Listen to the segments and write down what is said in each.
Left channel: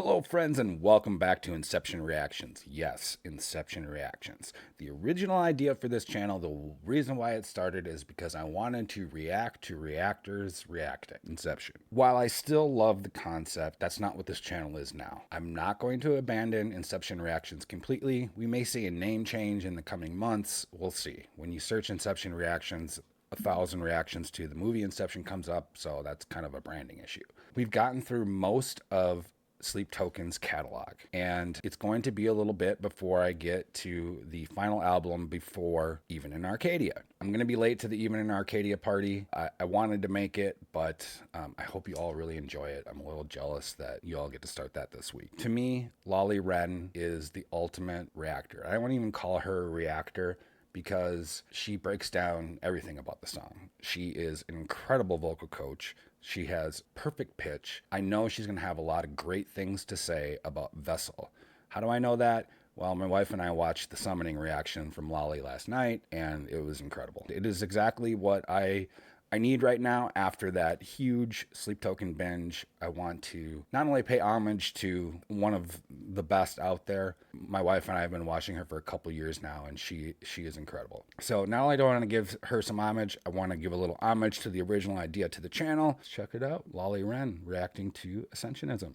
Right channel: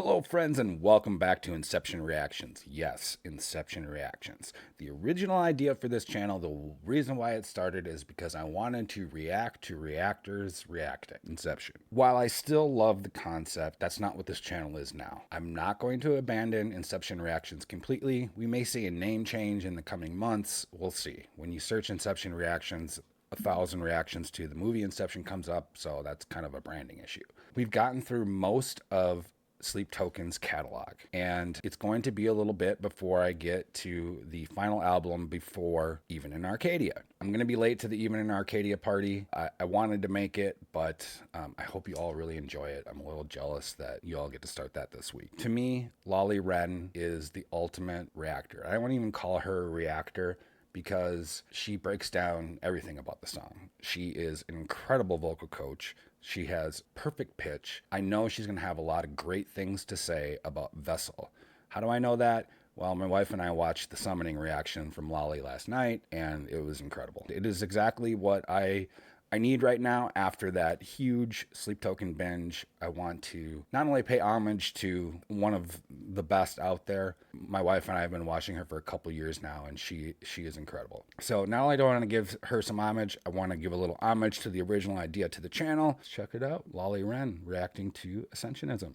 Hello, friends, and welcome back to Inception Reactions. Yes, Inception Reactions. The original idea for this channel, the reason why it started is because I wanted to react to reactors reacting Inception. While I still love the concept, that's not what this channel is now. I'm not going to abandon Inception Reactions completely. We may see a name change in the coming months. We'll see. When you search Inception Reactions, 1,000 reactions to the movie Inception comes up, so that's kind of a branding issue. We've gotten through most of Sleep Token's catalog, and it's going to be a little bit before I get to the final album before Even in Arcadia. I'm going to be late to the Even in Arcadia party. I wanted to make it, but I hope you all really enjoy it. I'm a little jealous that you all get to start that this week. To me, Lolli Wren is the ultimate reactor. I won't even call her a reactor, because she breaks down everything about the song. She is an incredible vocal coach. She has perfect pitch. I know she's going to have a lot of great things to say about Vessel. How do I know that? Well, my wife and I watched the summoning reaction from Lolli last night, and it was incredible. It is exactly what I need right now after that huge Sleep Token binge. I want to not only pay homage to one of the best out there. My wife and I have been watching her for a couple years now, and she is incredible. So not only do I want to give her some homage, I want to give a little homage to the original idea to the channel. Let's check it out. Lolli Wren reacting to Ascensionism.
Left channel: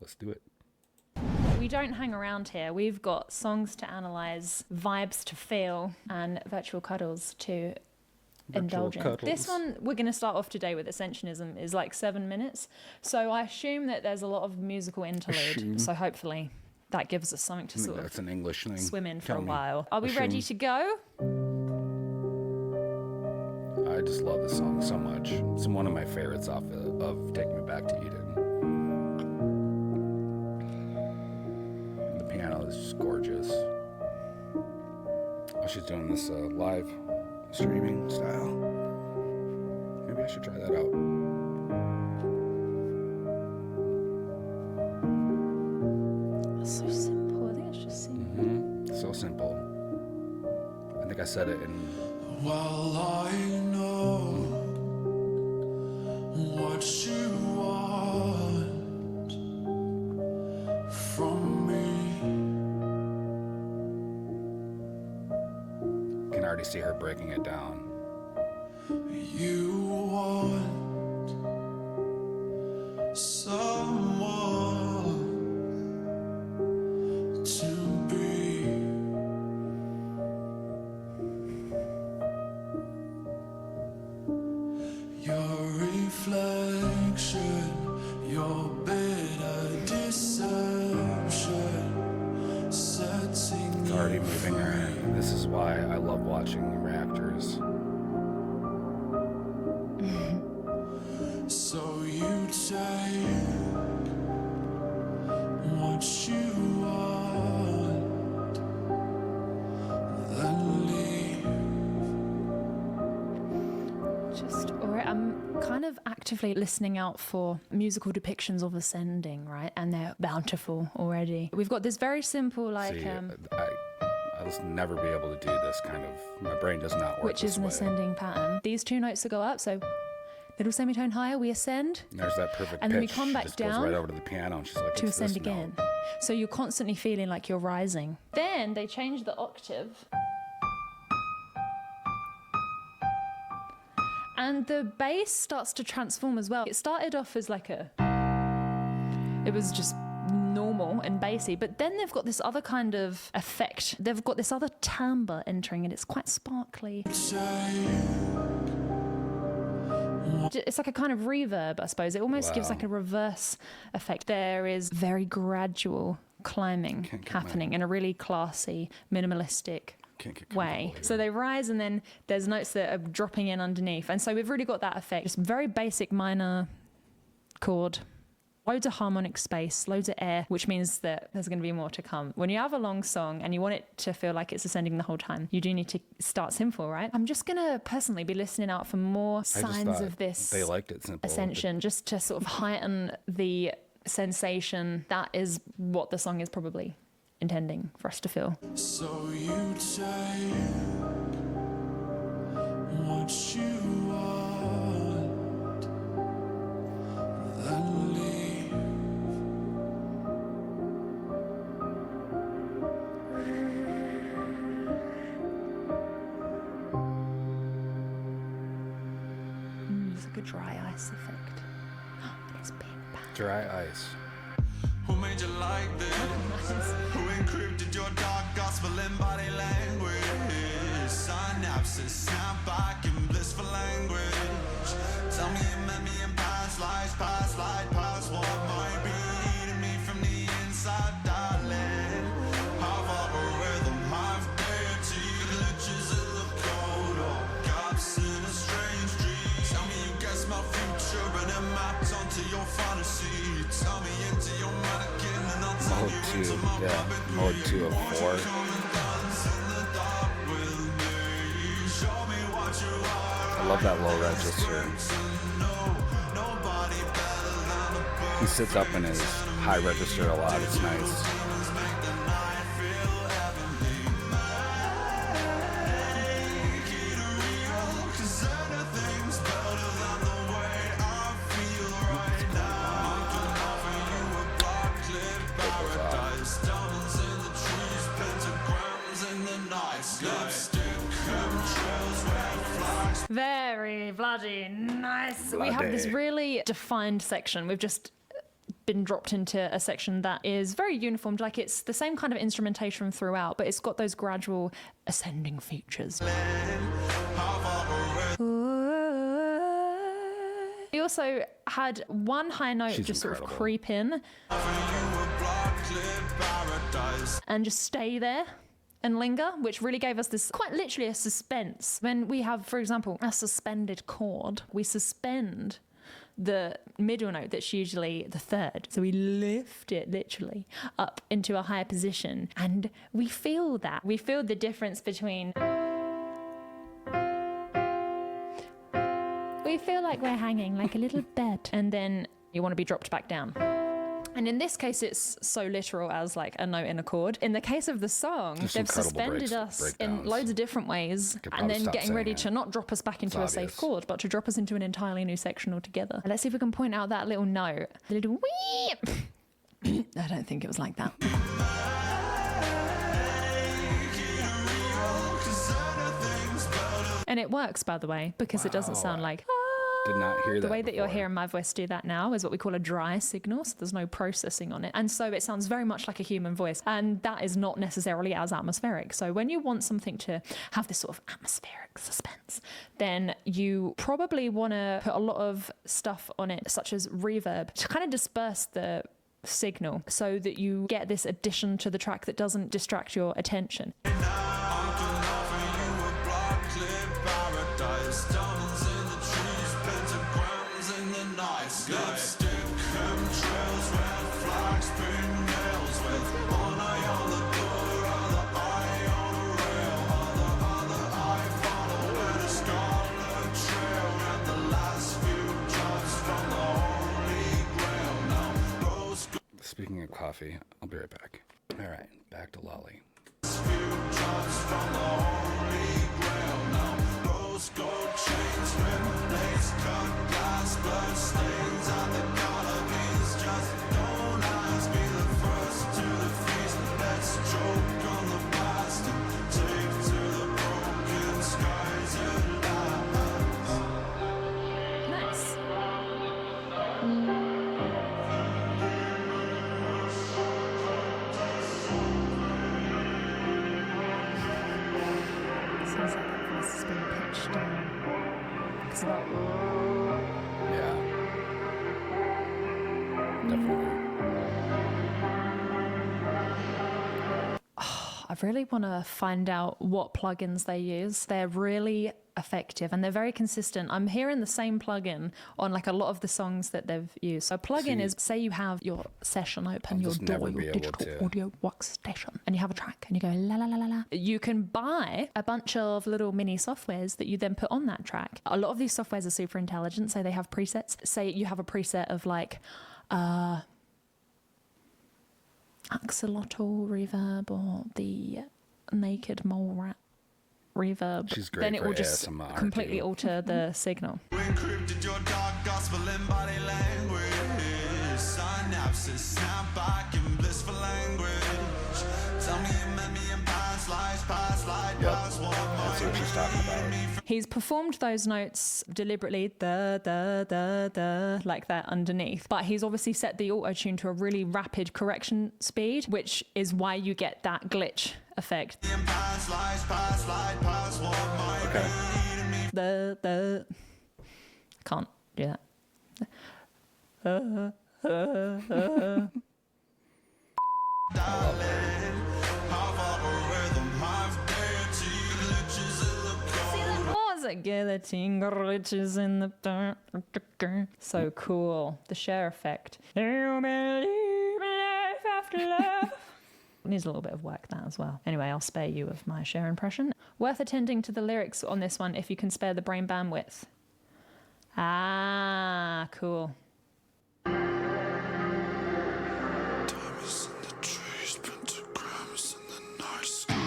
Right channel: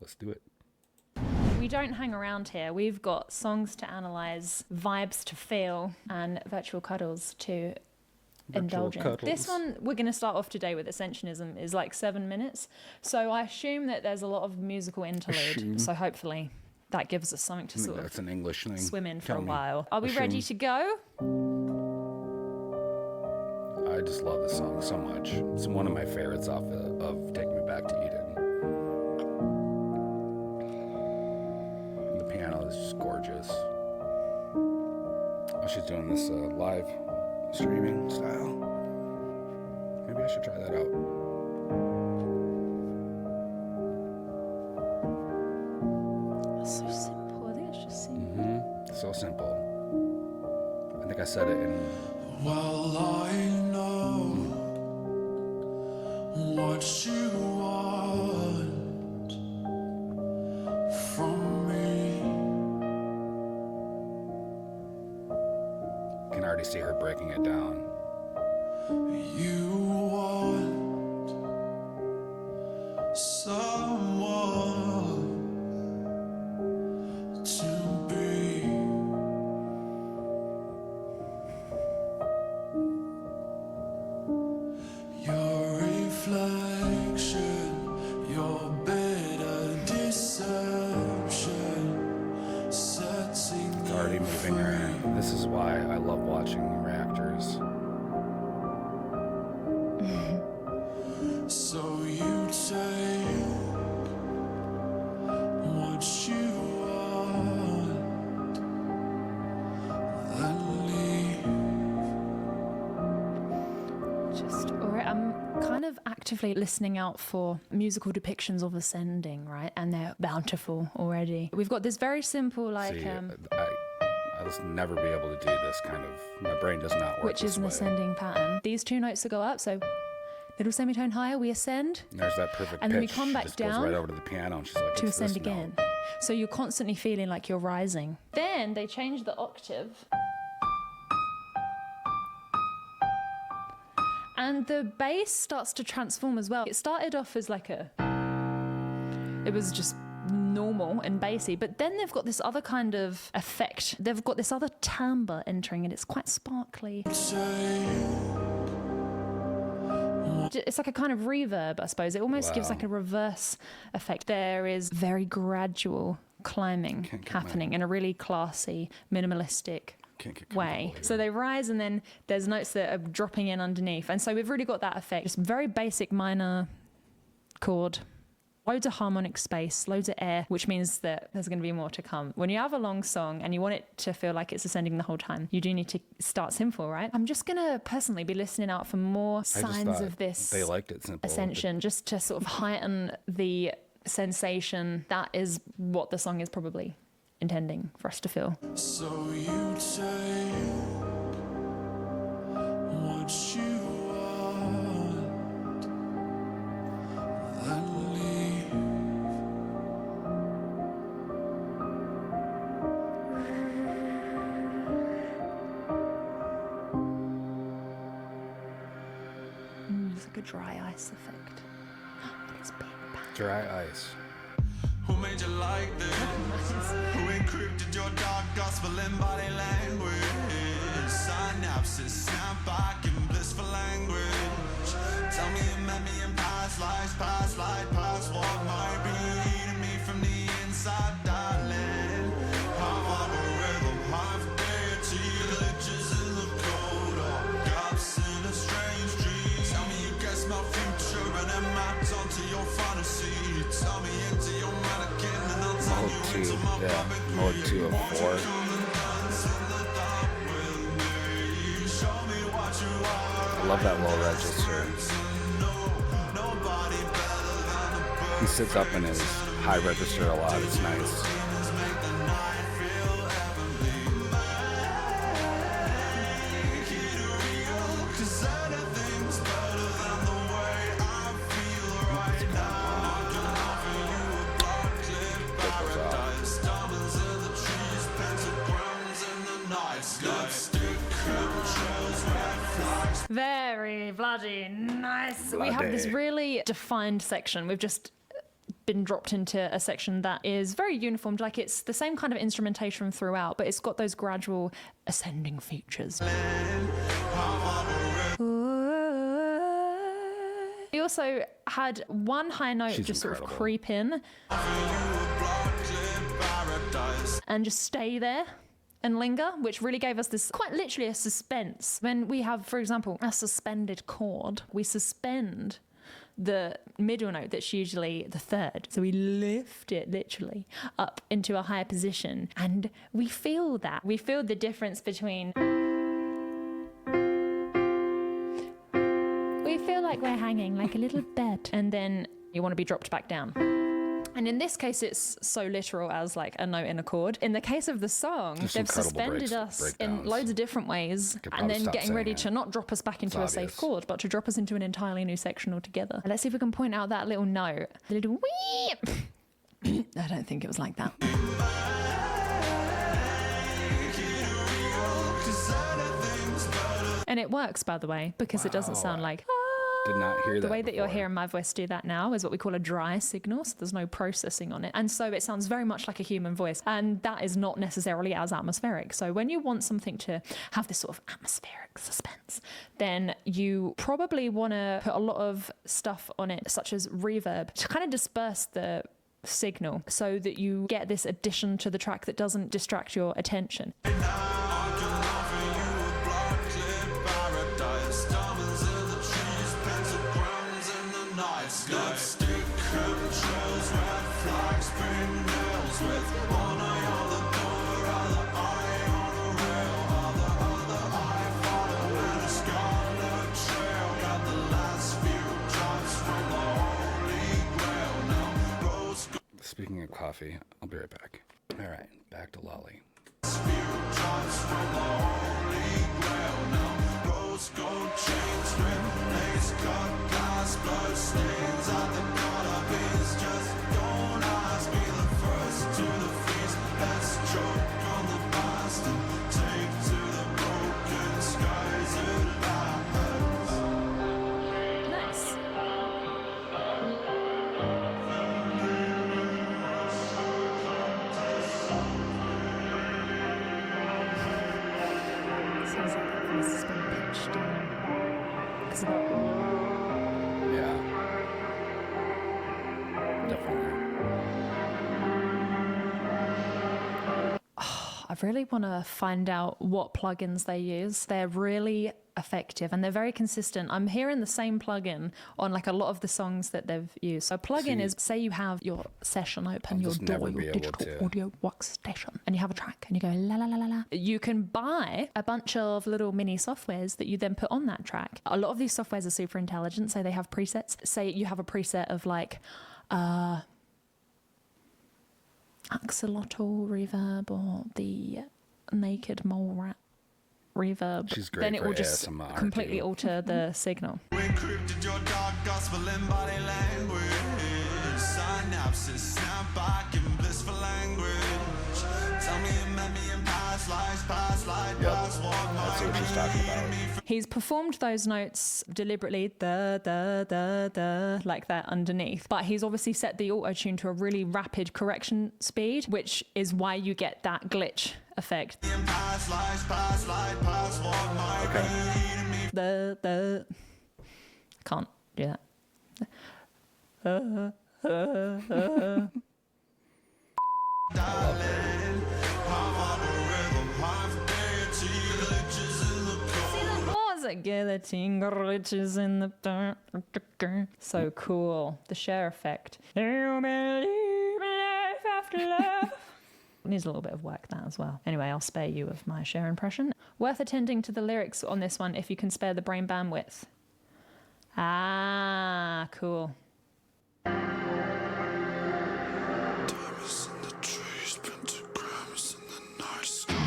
Let's do it. We don't hang around here. We've got songs to analyze, vibes to feel, and virtual cuddles to indulge in. This one we're going to start off today with Ascensionism is like 7 minutes, so I assume that there's a lot of musical interlude. So hopefully that gives us something to sort That's an English thing. Swim in for a while. Are we ready to go? I just love this song so much. It's one of my favorites off of Take Me Back to Eden. The piano is just gorgeous. Oh, she's doing this live streaming style. Maybe I should try that out. That's so simple. I think it's just simple. So simple. I think I said it in... Well, I know what you want from me. I can already see her breaking it down. You want someone to be. Your reflection, your bitter deception, setting It's already moving her. This is why I love watching reactors. So you take what you want, then leave. Alright, I'm kind of actively listening out for musical depictions of ascending, right? And they're bountiful already. We've got this very simple, like, See, I'll just never be able to do this kind of... My brain does not work which is an ascending pattern. These two notes that go up, so little semitone higher, we ascend. And there's that perfect and pitch. then we come back just down goes right over to the piano, and she's like, to ascend this again. note? So you're constantly feeling like you're rising. Then they change the octave. And the bass starts to transform as well. It started off as like it was just normal and bassy, but then they've got this other kind of effect. They've got this other timbre entering, and it's quite sparkly. It's like a kind of reverb, I suppose. It almost gives like a reverse effect. There is very gradual climbing happening in a really classy, minimalistic way. So they rise, and then there's notes that are dropping in underneath. And so we've really got that effect. Just very basic minor chord. Loads of harmonic space, loads of air, which means that there's going to be more to come. When you have a long song and you want it to feel like it's ascending the whole time, you do need to start simple, right? I'm just going to personally be listening out for more signs of this they liked it simple. ascension, just to sort of heighten the sensation. That is what the song is probably intending for us to feel. So you take what you want, then leave. like a dry ice effect. And it's being bad. Dry ice. Who made you like this? Who encrypted your dark gospel in body language? Synapses snap back in blissful language. Tell me you met me in past lives, past light, past what might be eating me from the inside, darling. Half algorithm, half deity, glitches in the code, or gaps in a strange dream. Tell me you guessed my future and it mapped onto your fantasy. Tell me into your mannequin and I'll turn Mode you 2, into my yeah. puppet Mode queen. 2 of Won't you 4. come and dance in the dark with me? Show me what you are. I love that low register. He sits up in his high register a lot. It's nice. Very bloody nice. We have this really defined section. We've just been dropped into a section that is very uniform, like it's the same kind of instrumentation throughout, but it's got those gradual ascending features. We also had one high note just sort of creep in and just stay there and linger, which really gave us this quite literally a suspense. When we have, for example, a suspended chord, we suspend the middle note that's usually the third. So we lift it literally up into a higher position and we feel that. We feel the difference between... We feel like we're hanging like a little bed and then you want to be dropped back down. And in this case, it's so literal as like a note in a chord. In the case of the song, they've suspended us in loads of different ways and then getting ready to not drop us back into a safe chord, but to drop us into an entirely new section altogether. Let's see if we can point out that little note. The little wee. I don't think it was like that. And it works, by the way, because it doesn't sound like... Did not hear that. The way that before. you're hearing my voice do that now is what we call a dry signal, so there's no processing on it. And so it sounds very much like a human voice, and that is not necessarily as atmospheric. So when you want something to have this sort of atmospheric suspense, then you probably want to put a lot of stuff on it, such as reverb, to kind of disperse the signal so that you get this addition to the track that doesn't distract your attention. Lipstick, chemtrails, red flags, pink nails with one eye on the door, other eye on a rail, other eye following a scarlet trail, and the last few drops from the holy grail. Now, rose. Speaking of coffee, I'll be right back. All right, back to Lolli. Few drops from the holy grail. Now, rose gold chains, red lace cut glass, blood stains. Sounds like that voice has been pitched down. Because of that. Yeah. Definitely. I really want to find out what plugins they use. They're really effective and they're very consistent. I'm hearing the same plugin on like a lot of the songs that they've used. So a plugin is, say you have your session open, your DAW, your digital audio workstation, and you have a track and you go la la la la la. You can buy a bunch of little mini softwares that you then put on that track. A lot of these softwares are super intelligent, so they have presets. Say you have a preset of like axolotl reverb or the naked mole rat reverb. She's great. Then it for will just ASMR completely too. alter the signal. Encrypted your dark gospel in body language. Synapses snap back in blissful language. Tell me you met me in past life. That's what she's talking about. He's performed those notes deliberately, like that underneath, but he's obviously set the auto-tune to a really rapid correction speed, which is why you get that glitch effect. Okay. Can't do that. Guillotine glitches in the dark. So cool. The Cher effect. Do you believe in life after love? Needs a little bit of work, that as well. Anyway, I'll spare you of my Cher impression. Worth attending to the lyrics on this one if you can spare the brain bandwidth. Ah, cool. Diamonds in the trees, pentagrams in the night sky.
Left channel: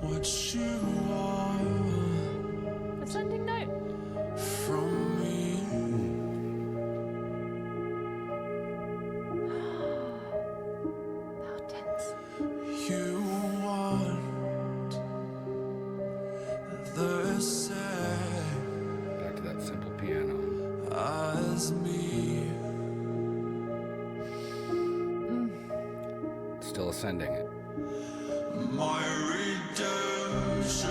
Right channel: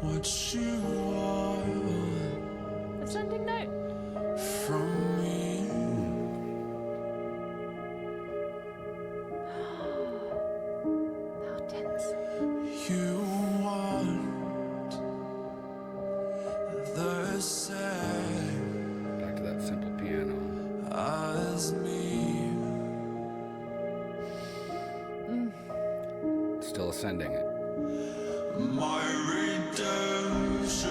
What you want Ascending note. from me. How tense. You want the same Back to that simple piano. as me. Still ascending it. My redemption,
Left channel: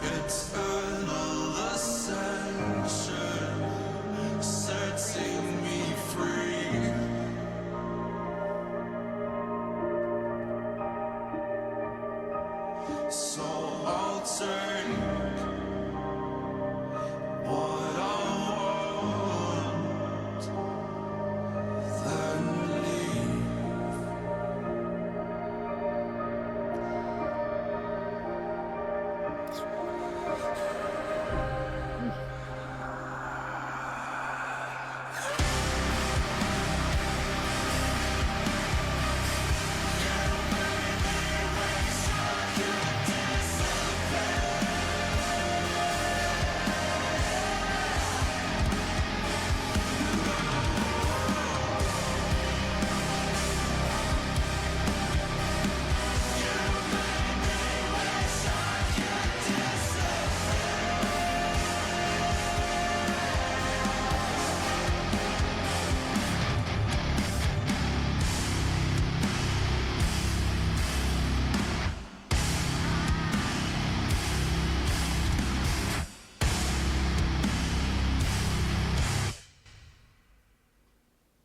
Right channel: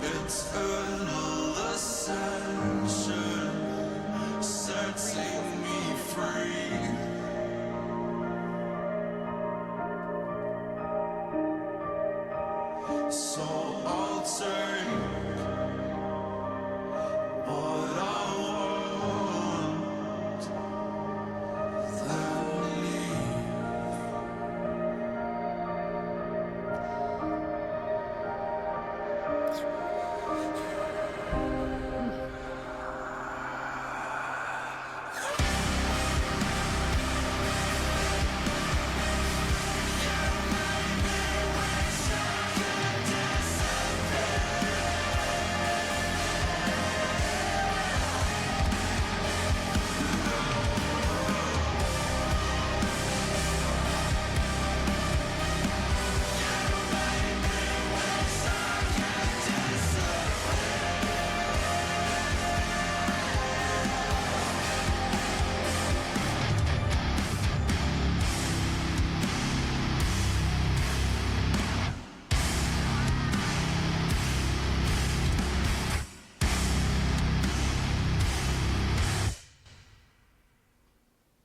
eternal ascension, setting me free. So I'll take what I want, then leave.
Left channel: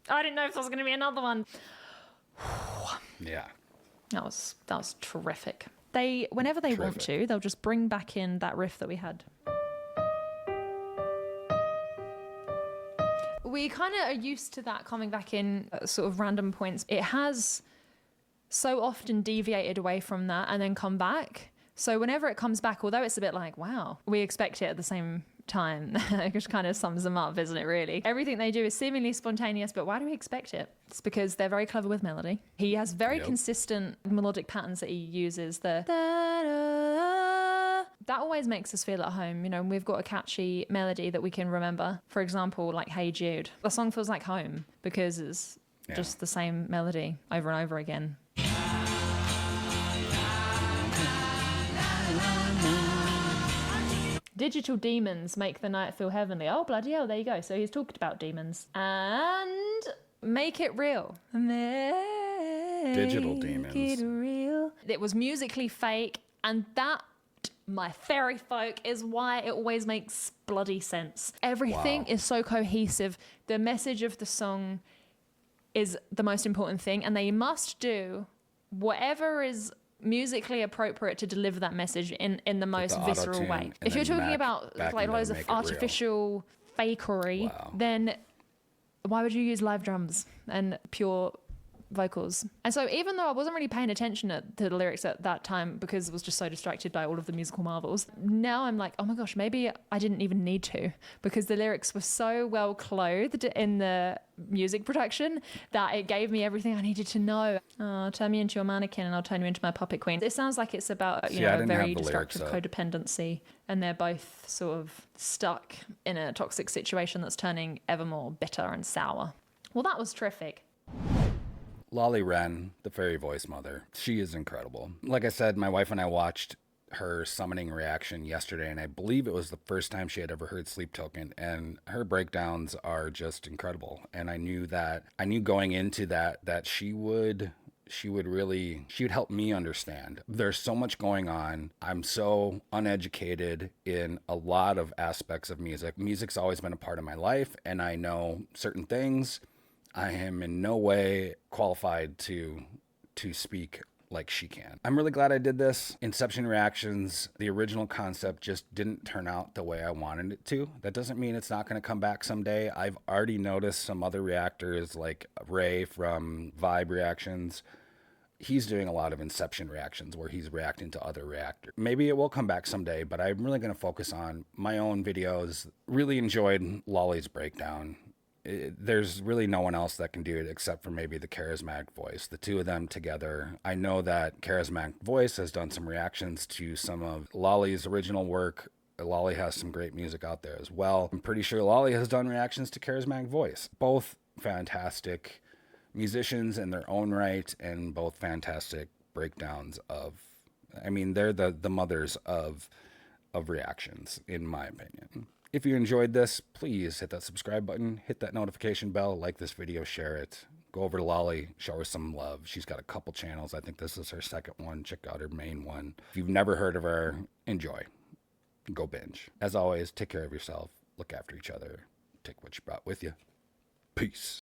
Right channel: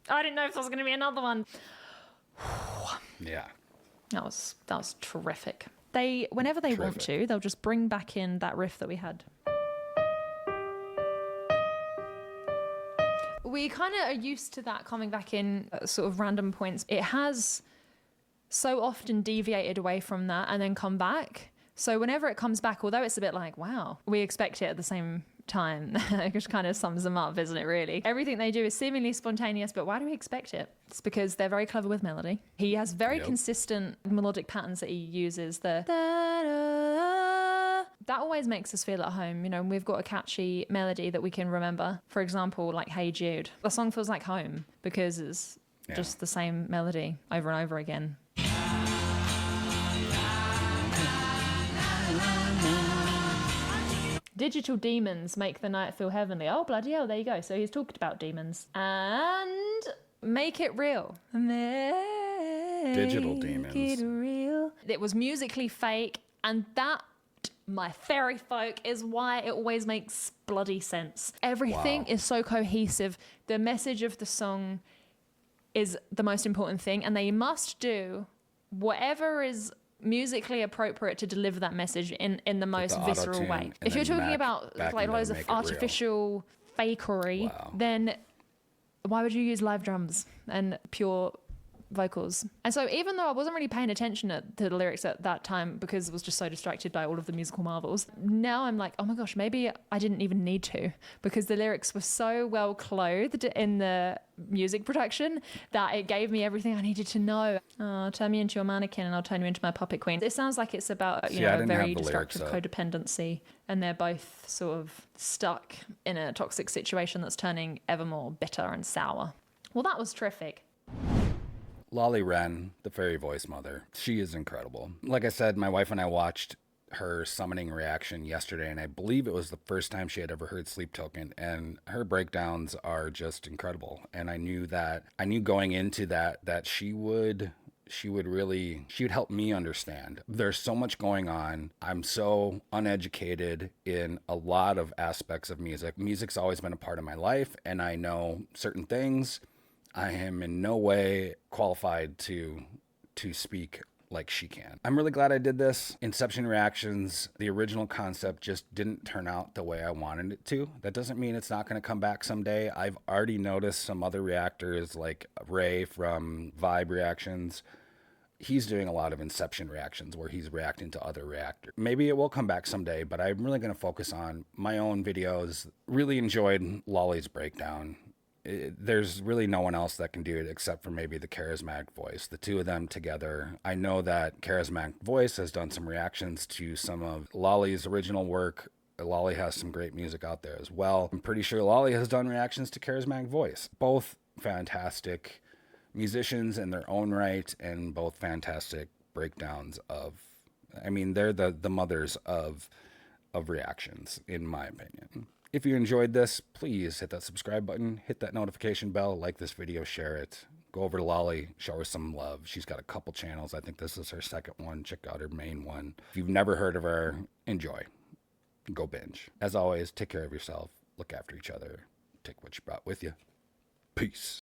I didn't know if there was going to be another one. Yeah. That was terrific. Whenever they want to, they'll just bring back in that riff that we had. We kind of are used to that coming back in at sort of random points. It has so often deviated away from that and then come back. So whenever it comes back, although it's a bit like, wow, we expect it at the same time, which kind of sums them up, isn't it, really? Everything they do is seemingly spontaneous, but why do we expect it? It's because they're very clever with melody. He has very consistent melodic patterns that he uses. The da-da, that always makes us feel at home. You know, we've got a catchy melody that we can remember. For example, like Hey Jude. The song feels like home because it's just the same melody over and over again. Digital demons make the night feel heavenly. Oh, bloody hell, there you go. So he's talked about demons. And make it real. Digital demons. Make it real. It was musically fake, and that, my fairy folk, is why it always makes bloody sense. Everything is so cohesive. The message of the song is the most important thing, and they must do whatever is musically appropriate to deliver that message in the most visceral way. If you're talking about like loads of artificial fakery, then why would you use live drums and pure vocals? And so even though I wasn't really paying attention to the lyrics at that time because I was just so distracted by all of the musical marvels, now I'm like, oh my gosh, maybe I didn't even need to, because the lyrics were so well clothed in the music production that it gave me everything I needed to know. Oh, turn me into your mannequin and I'll turn you into my puppet queen. It sounds like it's about a very destructive codependency, and they're both sort of stuck in a toxic situation that's turning ever more bitter and sour. Well, that was terrific. Lolli Wren, the fairy voice mother, she is incredible. Like I said, my wife and I watched her summoning reaction yesterday, and I believe it was the first time she had ever heard Sleep Token, and her breakdowns are just incredible. And I knew going into that she would help me understand. There's so much going on. I'm so uneducated in a lot of aspects of music. Music's always been a part of my life, and I know certain things. I am in no way qualified to speak like she can. I'm really glad I did this. Inception reactions, the original concept just didn't turn out the way I wanted it to. That doesn't mean it's not going to come back someday. I've already noticed some other reactors like Ray from Vibe Reactions. He's doing a lot of Inception reactions where he's reacting to other reactors. Maybe it will come back someday, but I'm really going to focus on my own videos. Really enjoyed Lolli's breakdown. There's really no one else that can do it except for maybe the Charismatic Voice. The two of them together. I know that Charismatic Voice has done some reactions to some of Lolli's original work. Lolli has some great music out there as well. I'm pretty sure Lolli has done reactions to Charismatic Voice. Both fantastic musicians in their own right, and both fantastic breakdowns of, I mean, they're the mothers of reactions, in my opinion. If you enjoyed this, please hit that subscribe button, hit that notification bell, like this video, share it. Go over to Lolli, show her some love. She's got a couple channels. I think this is her second one. Check out her main one. If you've never heard of her, enjoy. Go binge. As always, take care of yourself. Look after each other. Take what you brought with you. Peace.